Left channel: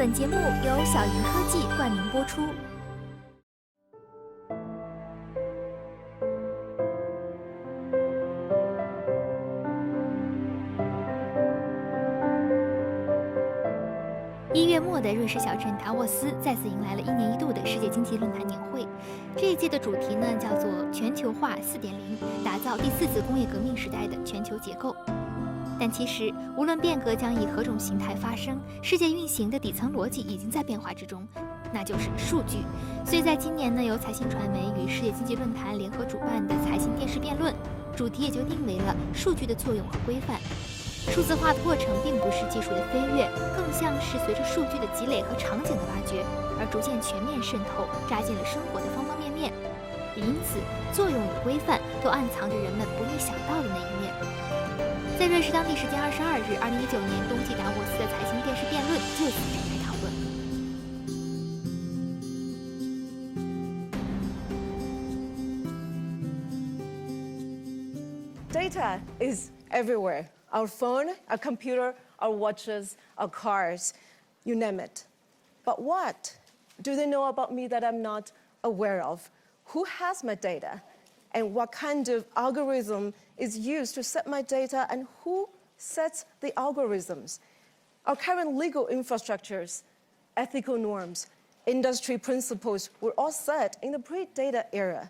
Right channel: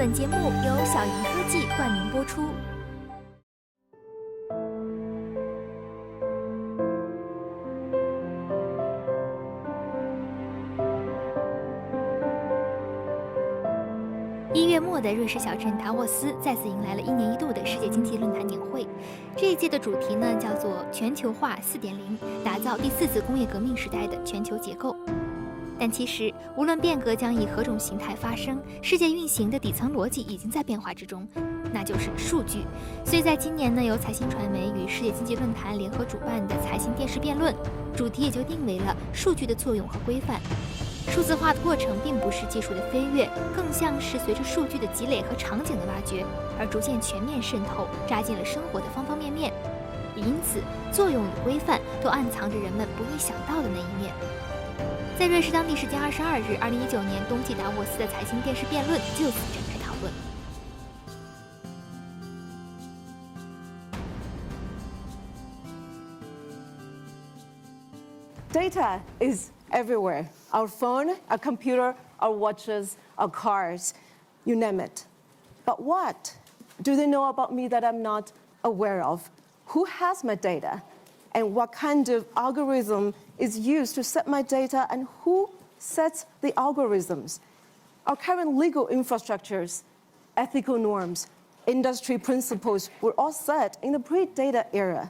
本节目由小银科技冠名播出。1月末的瑞士小镇达沃斯再次迎来了1年1度的世界经济论坛年会。这一届的主题呢叫做全球化4.0，打造第4次工业革命时代的全球结构。但其实，无论变革将以何种形态发生，世界运行的底层逻辑已经在变化之中，那就是数据。所以在今年呢，由财新传媒与世界经济论坛联合主办的财新电视辩论，主题也就定为了数据的作用和规范。数字化的过程并不是技术的飞跃，更像是随着数据的积累和场景的挖掘，而逐渐全面渗透，扎进了生活的方方面面。也因此，作用与规范都暗藏着人们不易想到的那一面。在瑞士当地时间22日，2019年冬季达沃斯的财新电视辩论就此展开讨论。Data is everywhere. Our phone, our computer, our watches, our cars, you name it. But what do they know about me that I'm not aware of? Who has my data? And what kind of algorithm is used to set my data, and who sets the algorithms? Our current legal infrastructures, ethical norms, industry principles were all set in the pre-data era.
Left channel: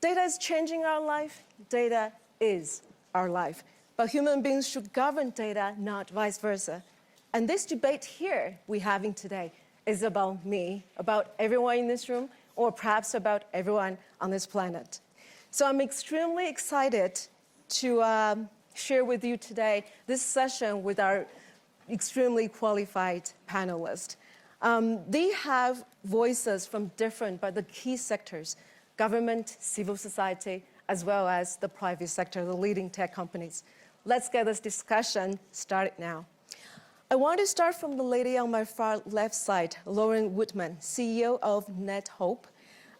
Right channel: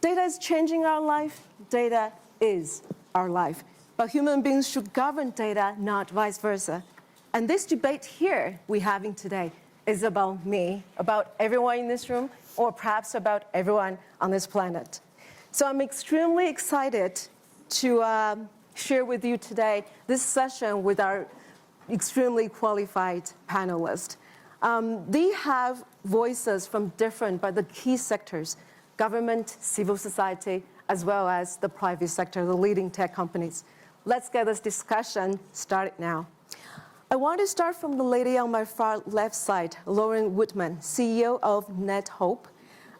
Data is changing our life. Data is our life. But human beings should govern data, not vice versa. And this debate here we're having today is about me, about everyone in this room, or perhaps about everyone on this planet. So I'm extremely excited to share with you today this session with our extremely qualified panelists. They have voices from different but the key sectors, government, civil society, as well as the private sector, the leading tech companies. Let's get this discussion started now. I want to start from the lady on my far left side, Lauren Woodman, CEO of Nethope.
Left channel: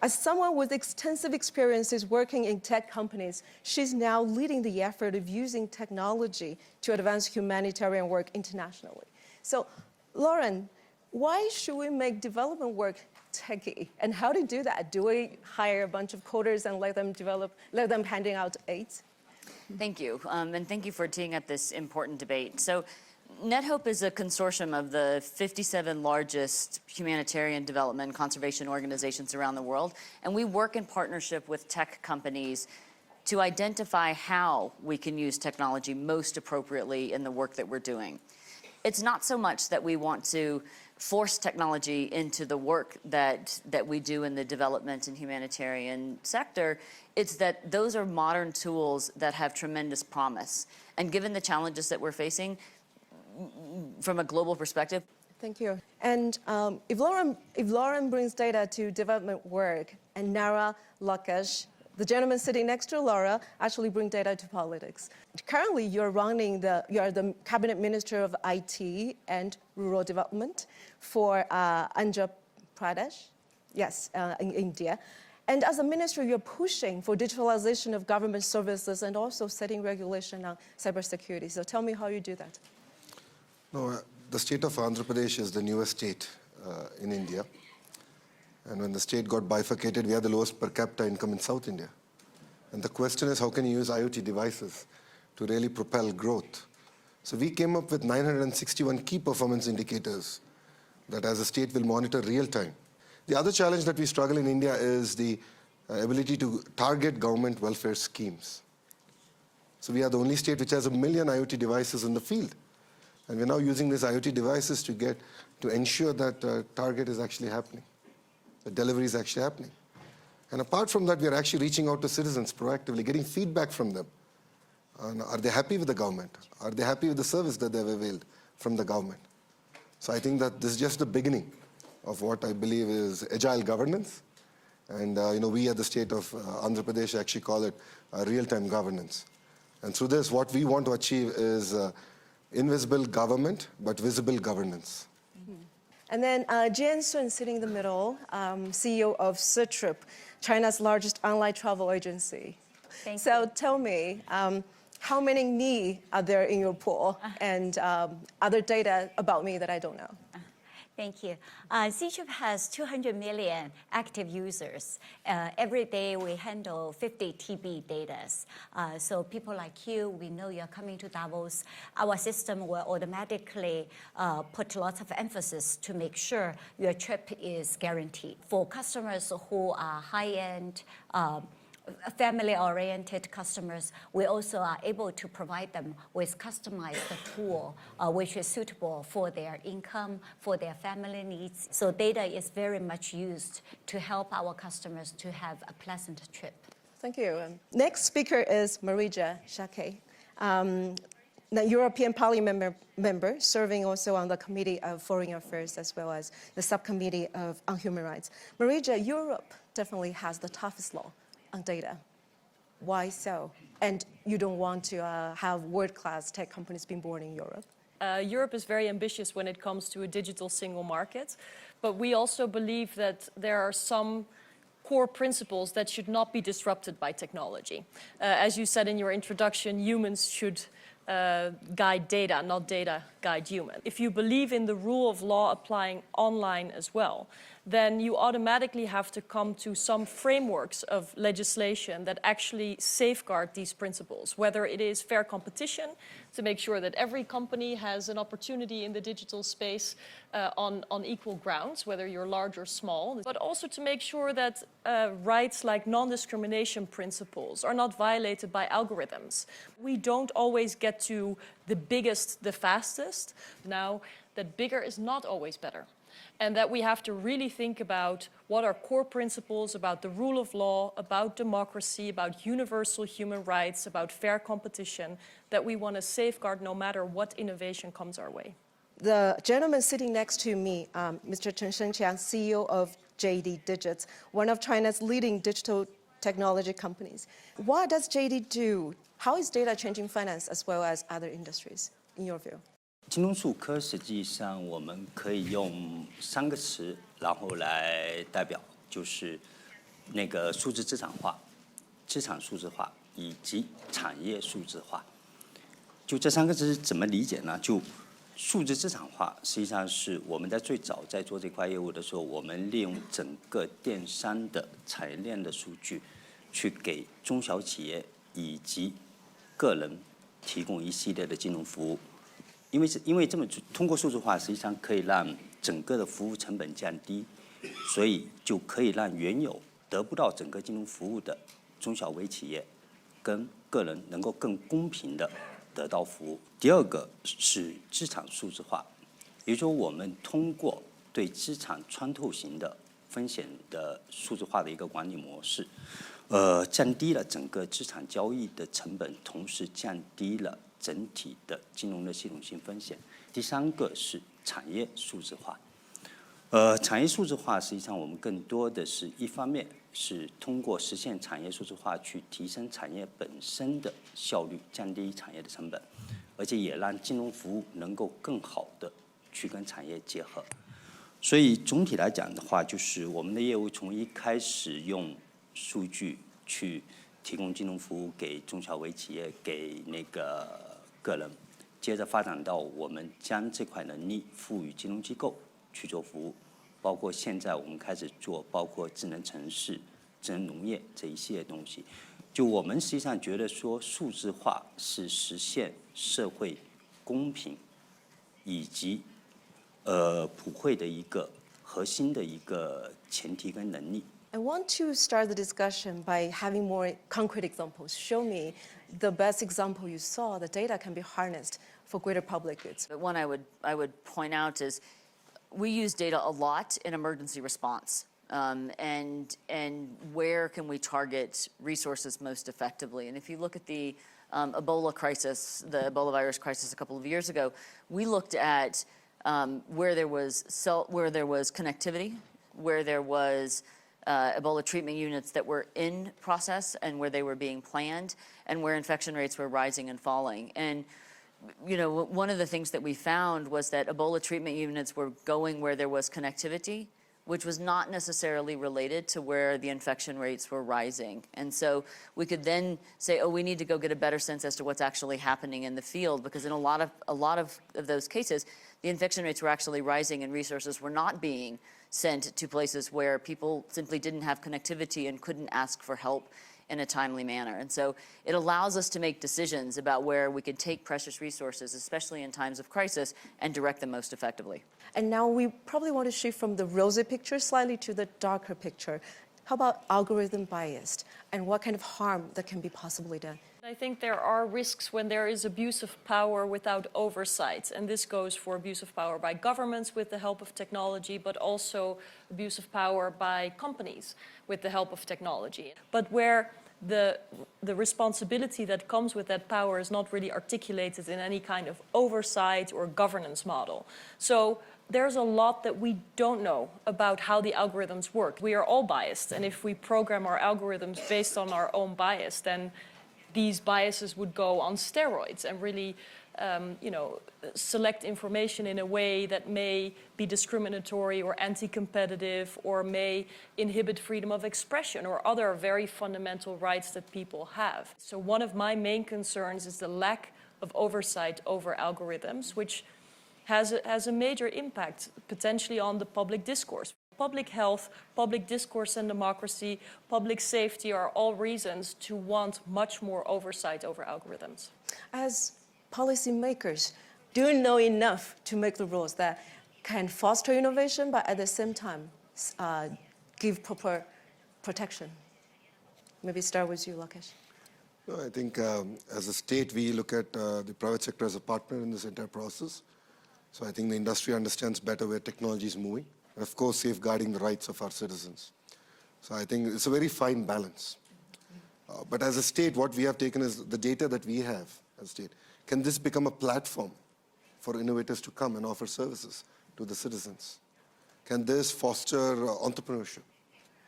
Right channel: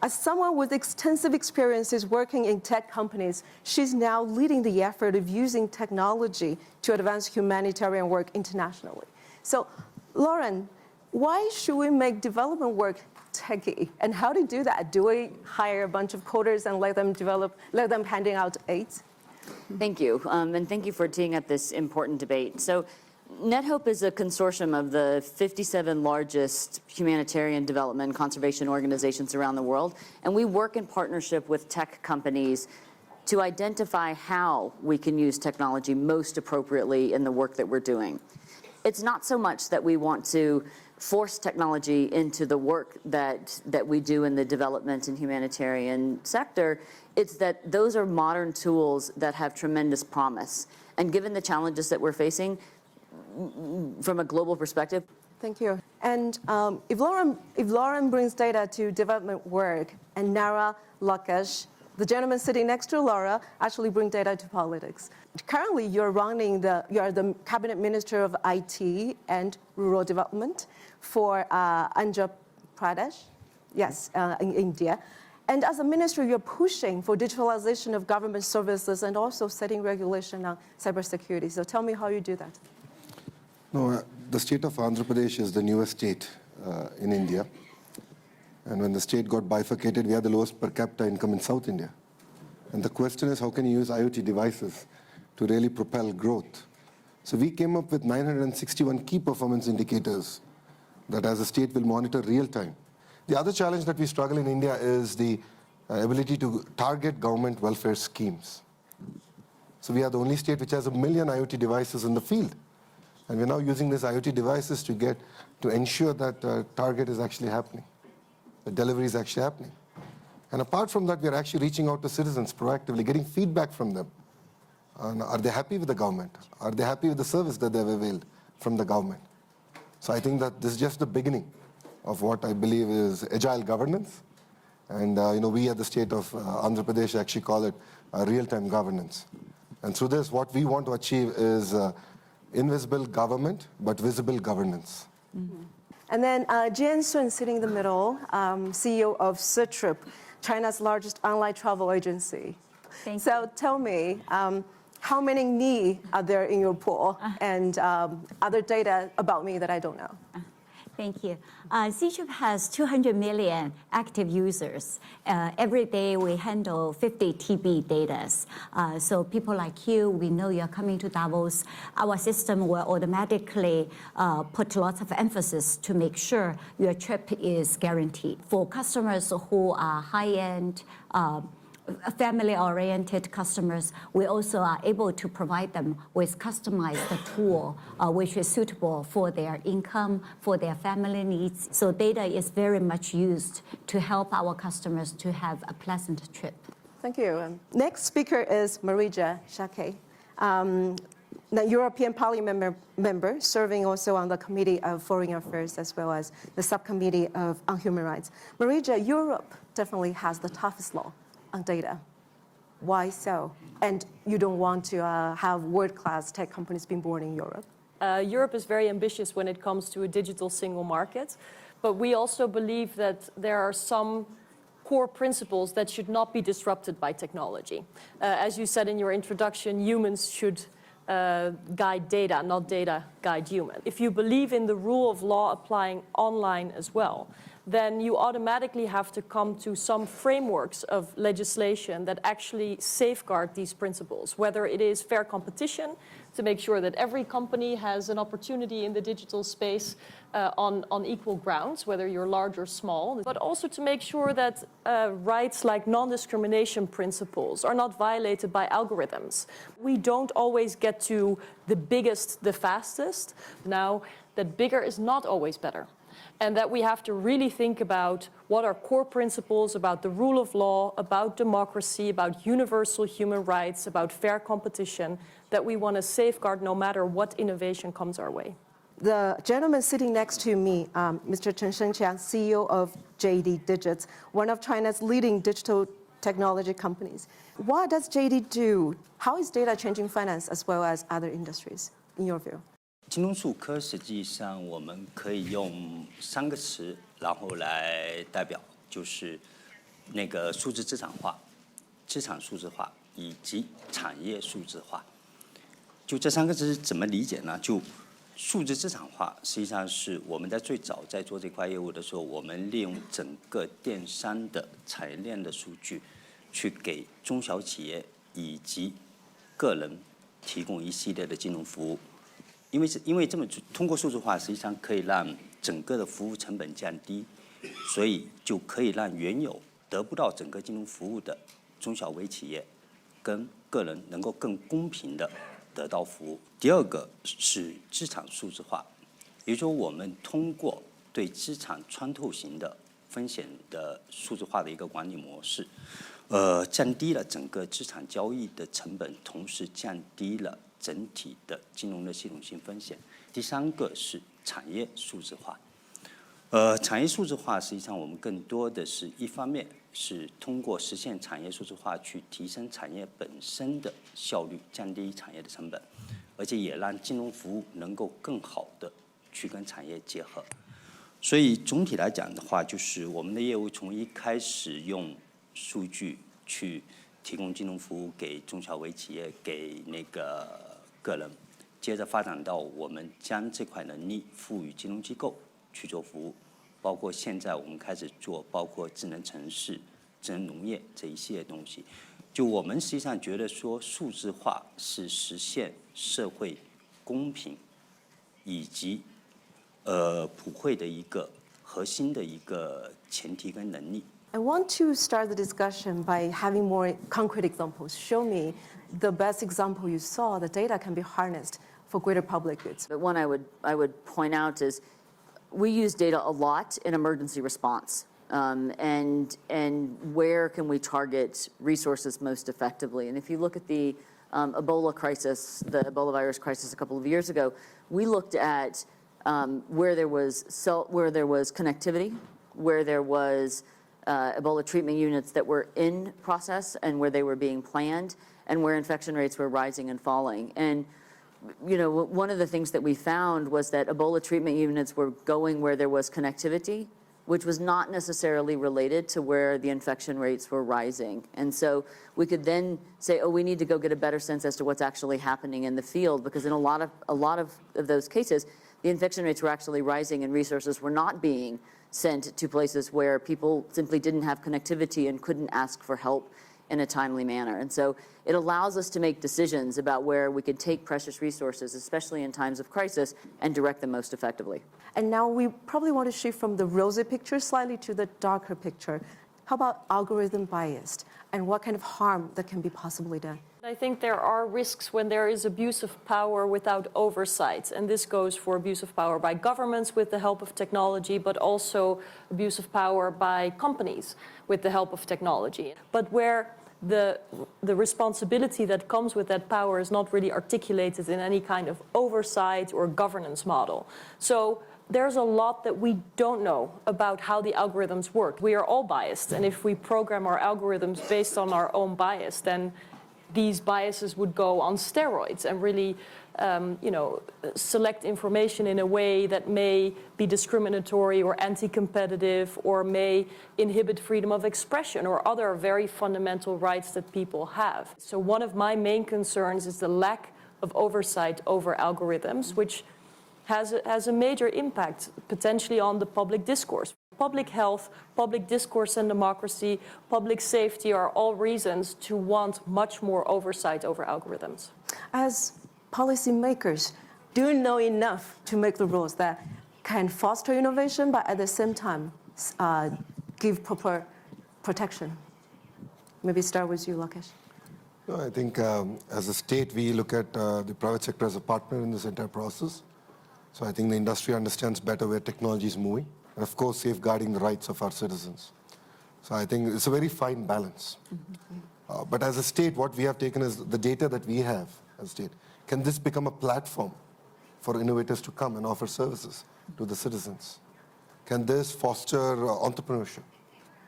As someone with extensive experiences working in tech companies, she's now leading the effort of using technology to advance humanitarian work internationally. So, Lauren, why should we make development work techy? And how to do that? Do we hire a bunch of coders and let them handing out aids? Thank you, and thank you for teeing up this important debate. So, Nethope is a consortium of the 57 largest humanitarian development and conservation organizations around the world, and we work in partnership with tech companies to identify how we can use technology most appropriately in the work that we're doing. It's not so much that we want to force technology into the work that we do in the development and humanitarian sector. It's that those are modern tools that have tremendous promise. And given the challenges that we're facing, from a global perspective. Thank you. And if Lauren brings data to development work, and Nara Lakash, the gentleman sitting next to Laura, actually bring data to politics. Currently, you are the cabinet minister of IT and rural development for Andhra Pradesh, yes, in India. And as a minister, you're pushing for digitalization of government services and also setting regulation on cybersecurity. So tell me how you do that. No, the state of Andhra Pradesh is the newest state in India. And when the state got bifurcated, we had the lowest per capita income in South India. And the question is, how can you use IoT devices to really propel growth? So we came up with 961 key performance indicators that as a state will monitor real time. The other challenge that we struggle in India is the ability to target government welfare schemes. So we are the only state which has 1 million IoT devices in the field. And we're now using these IoT devices to ensure that target is actually happening, the delivery is actually happening. And apart from that, we're actually reaching out to citizens proactively, getting feedback from them. Are they happy with the government? Are they happy with the service that they've availed from the government? So I think that this is just the beginning of what I believe is agile governance. And we at the state of Andhra Pradesh actually call it real-time governance. And through this, what we want to achieve is invisible government, but visible governance. Mm-hmm. And then Jian Sun, sitting in the middle, CEO of Ctrip, China's largest online travel agency. So tell me, how many me are there in your pool, and other data about me that I don't know? Thank you. Ctrip has 200 million active users. Every day we handle 50 TB data. So people like you, we know you're coming to Davos. Our system will automatically put lots of emphasis to make sure your trip is guaranteed. For customers who are high-end, family-oriented customers, we also are able to provide them with customized tool, which is suitable for their income, for their family needs. So data is very much used to help our customers to have a pleasant trip. Thank you. Next speaker is Marietje Schaake, the European Parliament member, serving also on the Committee of Foreign Affairs as well as the Subcommittee on Human Rights. Marietje, Europe definitely has the toughest law on data. Why so? And you don't want to have world-class tech companies being born in Europe? Europe is very ambitious when it comes to a digital single market, but we also believe that there are some core principles that should not be disrupted by technology. As you said in your introduction, humans should guide data, not data guide humans. If you believe in the rule of law applying online as well, then you automatically have to come to some frameworks of legislation that actually safeguard these principles, whether it is fair competition, to make sure that every company has an opportunity in the digital space on equal grounds, whether you're large or small, but also to make sure that rights like non-discrimination principles are not violated by algorithms. We don't always get to the biggest, the fastest. Now, that bigger is not always better. And that we have to really think about what are core principles about the rule of law, about democracy, about universal human rights, about fair competition, that we want to safeguard no matter what innovation comes our way. The gentleman sitting next to me, Mr. Chen Shengqiang, CEO of JD Digits, one of China's leading digital technology companies. What does JD do? How is data changing finance as well as other industries, in your view? 金融数科实际上我们可以用3个词，然后来代表，就是那个数字资产化、资产数字化以及产业数字化。就这3个字怎么理解呢？就数字资产化实际上是我们在最早在做这块业务的时候，我们利用整个电商的产业链的数据，去给中小企业以及个人提供一系列的金融服务。因为这么通过数字化，实际上可以让整个的服务成本降低，所以就可以让原有得不到整个金融服务的中小微企业跟个人能够更公平的得到服务。第二个是资产数字化，也就是说我们通过对资产穿透型的风险的数字化的一个管理模式，降低了整个资产交易的成本，同时降低了整体的金融的系统性风险。第3个是产业数字化。产业数字化实际上我们更多的是一方面是通过实现产业数字化去提升产业本身的效率，降低产业的成本，而且也让金融服务能够更好的去跟产业结合。所以总体来讲的话，就是我们的业务从一开始用数据去提供金融服务给中小微企业，给那个个人，接着发展到我们将这块能力赋予金融机构去做服务，包括现在我们开始做包括智能城市、智能农业这一系列东西。就我们实际上觉得说，数字化是实现社会公平以及普惠的一个核心的一个前提跟能力。I want to start the discussion by having more concrete examples. Show me the best example you saw that data can be harnessed for greater public goods. But one I would point out is we use data a lot in emergency response. And where can we target resources most effectively? And if you look at the Ebola crisis, the Ebola virus crisis a couple of years ago, we looked at where there was connectivity, where there was Ebola treatment units that were in process and where they were being planned, and where infection rates were rising and falling. And you know, one of the things that we found was that Ebola treatment units were going where there was connectivity, which was not necessarily related to where the infection rates were rising. And so we could then say, oh, we need to go get a better sense as to what's actually happening in the field, because in a lot of those cases, the infection rates were actually rising and resources were not being sent to places where people simply didn't have connectivity and couldn't ask for help in a timely manner. And so it allows us to make decisions about where we could take precious resources, especially in times of crisis, and direct them most effectively. And now we probably want to shift from the rosy picture slightly to the darker picture. How about algorithm bias and what kind of harm that can be possibly done? I think there are risks when there is abuse of power without oversight. And this goes for abuse of power by governments with the help of technology, but also abuse of power by companies with the help of technology. But where the responsibility that comes with that power is not really articulated in any kind of oversight or governance model. So there's a lot that we don't know about how the algorithms work. We are all biased, and if we program our algorithms based on our own bias, then these biases would go on steroids and really select information in a way that may be discriminatory or anti-competitive or may inhibit freedom of expression or other very fundamental rights that people have. So one of my main concerns is the lack of oversight over algorithms, which has a major impact potentially on the public discourse. Public health, public discourse and democracy, public safety are all reasons to want much more oversight over algorithms. As policymakers, do you know enough to make the rules that can foster innovation, but at the same time give proper protection? Maybe start with you, Lakesh. No, I think as a state, we look at the private sector as a partner in this entire process. So I think the industry understands better where technology is moving, and of course, safeguarding the rights of our citizens. So I think it's a very fine balance. But as a state, what we have taken is the data that we have as a state. Can this become a platform for innovators to come and offer services to the citizens? Can this foster entrepreneurship?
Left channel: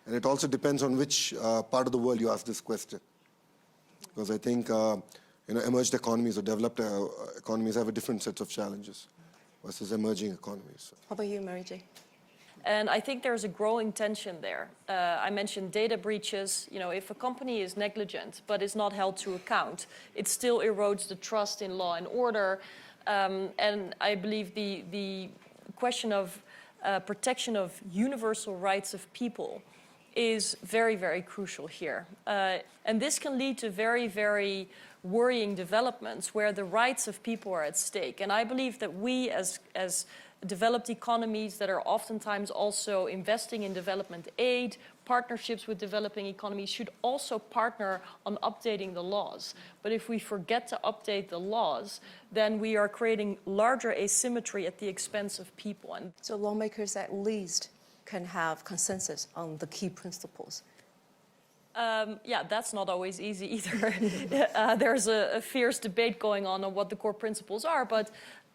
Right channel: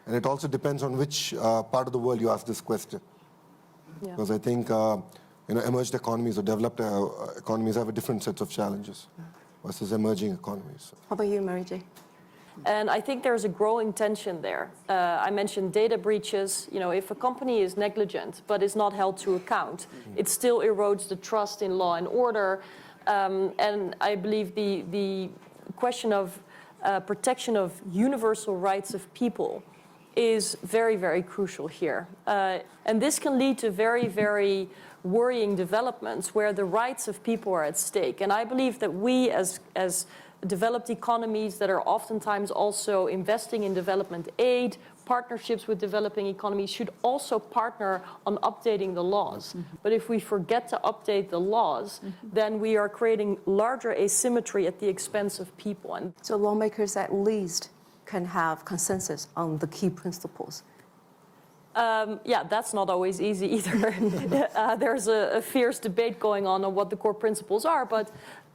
And it also depends on which part of the world you ask this question. Yeah. Because I think emerged economies or developed economies have a different set of challenges versus emerging economies. How about you, Marietje? And I think there's a growing tension there. I mentioned data breaches. If a company is negligent but is not held to account, it still erodes the trust in law and order. And I believe the question of protection of universal rights of people is very, very crucial here. And this can lead to very, very worrying developments where the rights of people are at stake. And I believe that we as developed economies that are oftentimes also investing in development aid, partnerships with developing economies should also partner on updating the laws. But if we forget to update the laws, then we are creating larger asymmetry at the expense of people. And so lawmakers at least can have consensus on the key principles. Yeah, that's not always easy either. There's a fierce debate going on what the core principles are, but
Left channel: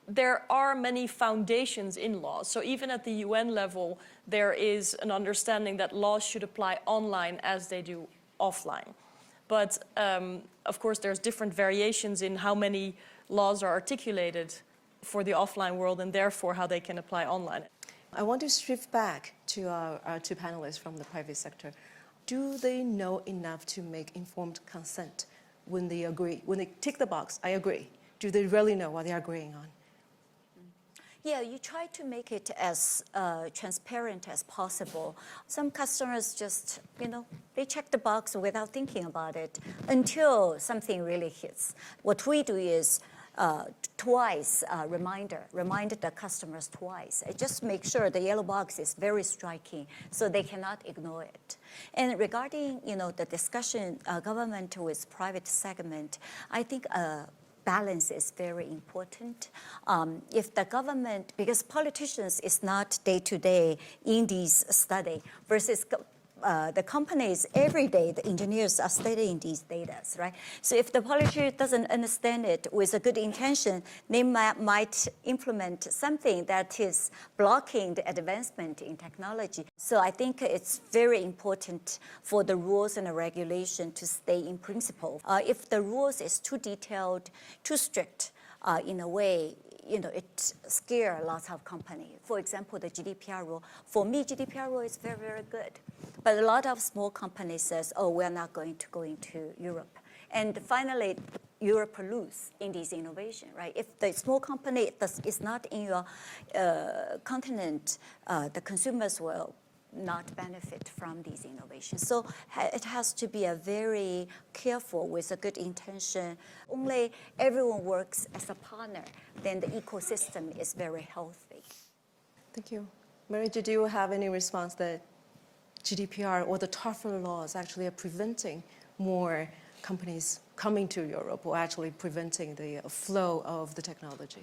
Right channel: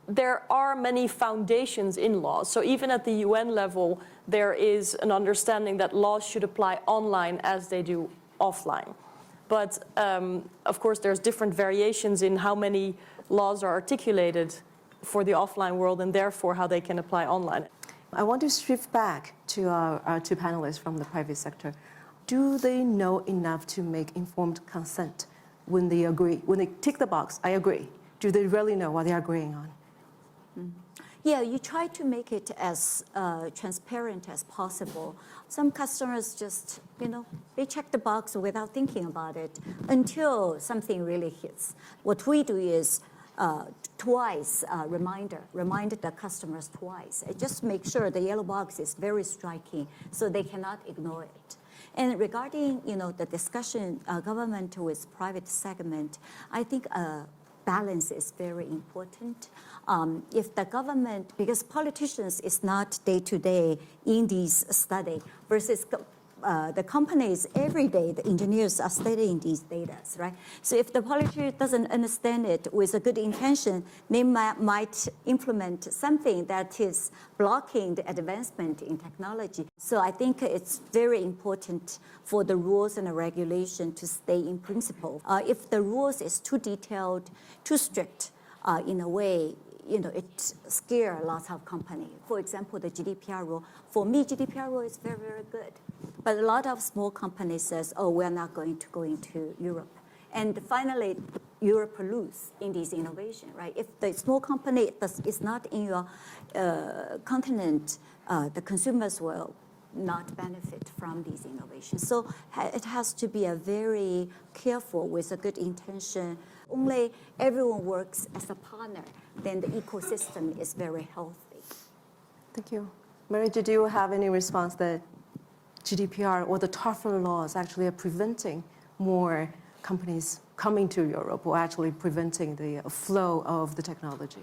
there are many foundations in laws. So even at the UN level, there is an understanding that laws should apply online as they do offline. But of course, there's different variations in how many laws are articulated for the offline world and therefore how they can apply online. I want to shift back to our two panelists from the private sector. Do they know enough to make informed consent when they agree? When they tick the box, I agree. Do they really know what they're agreeing on? Yeah, you try to make it as transparent as possible. Some customers just, they check the box without thinking about it until something really hits. What we do is twice remind the customers twice. Just make sure the yellow box is very striking so they cannot ignore it. And regarding, the discussion, government with private segment, I think balance is very important. If the government, because politicians is not day-to-day in these study versus the companies every day, the engineers are studying these data, right? So if the politician doesn't understand it with a good intention, they might implement something that is blocking the advancement in technology. So I think it's very important for the rules and the regulation to stay in principle. If the rules is too detailed, too strict, in a way, it scares lots of companies. For example, the GDPR rule. For me, GDPR rule is very, very good. But a lot of small companies says, oh, we're not going to go into Europe. And finally, Europe lose in this innovation, right? If the small company is not in your continent, the consumers will not benefit from these innovations. So it has to be a very careful with a good intention. Only everyone works as a partner, then the ecosystem is very healthy. Thank you. Marietje, do you have any response that GDPR or the tougher laws actually are preventing more companies coming to Europe or actually preventing the flow of the technology?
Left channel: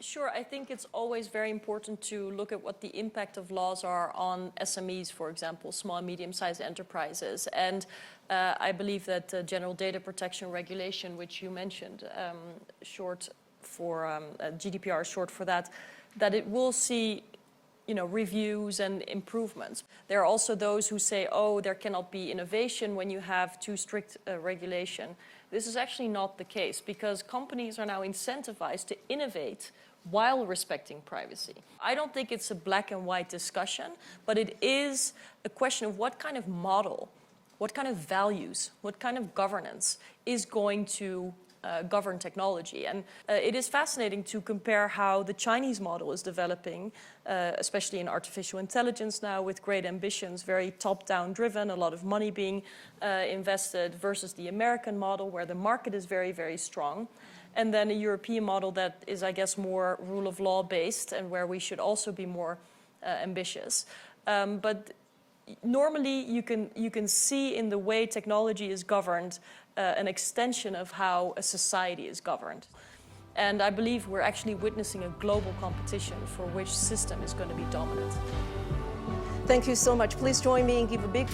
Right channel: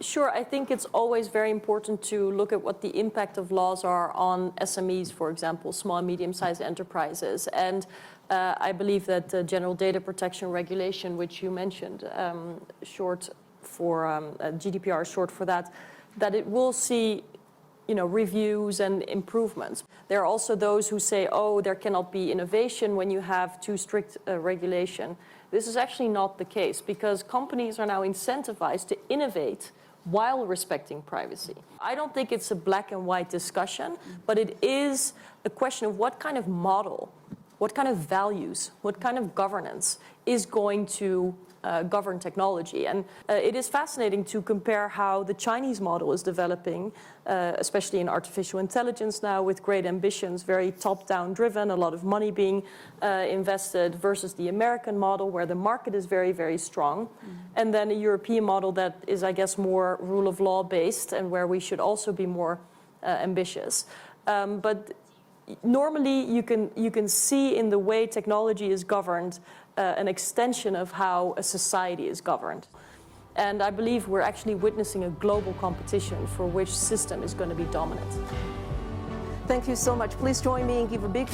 Sure, I think it's always very important to look at what the impact of laws are on SMEs, for example, small and medium-sized enterprises. And I believe that the General Data Protection Regulation, which you mentioned, short for GDPR, short for that it will see reviews and improvements. There are also those who say, oh, there cannot be innovation when you have too strict regulation. This is actually not the case because companies are now incentivized to innovate while respecting privacy. I don't think it's a black and white discussion, but it is a question of what kind of model, what kind of values, what kind of governance is going to govern technology. And it is fascinating to compare how the Chinese model is developing, especially in artificial intelligence now with great ambitions, very top-down driven, a lot of money being invested versus the American model where the market is very, very strong. And then a European model that is, I guess, more rule of law based and where we should also be more ambitious. But normally you can see in the way technology is governed an extension of how a society is governed. And I believe we're actually witnessing a global competition for which system is going to be dominant. Thank you so much. Please join me and give a big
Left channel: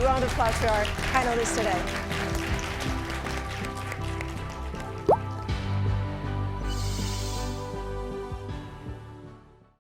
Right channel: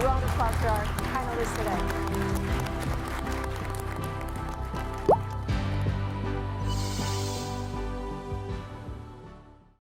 round of applause to our panelists today.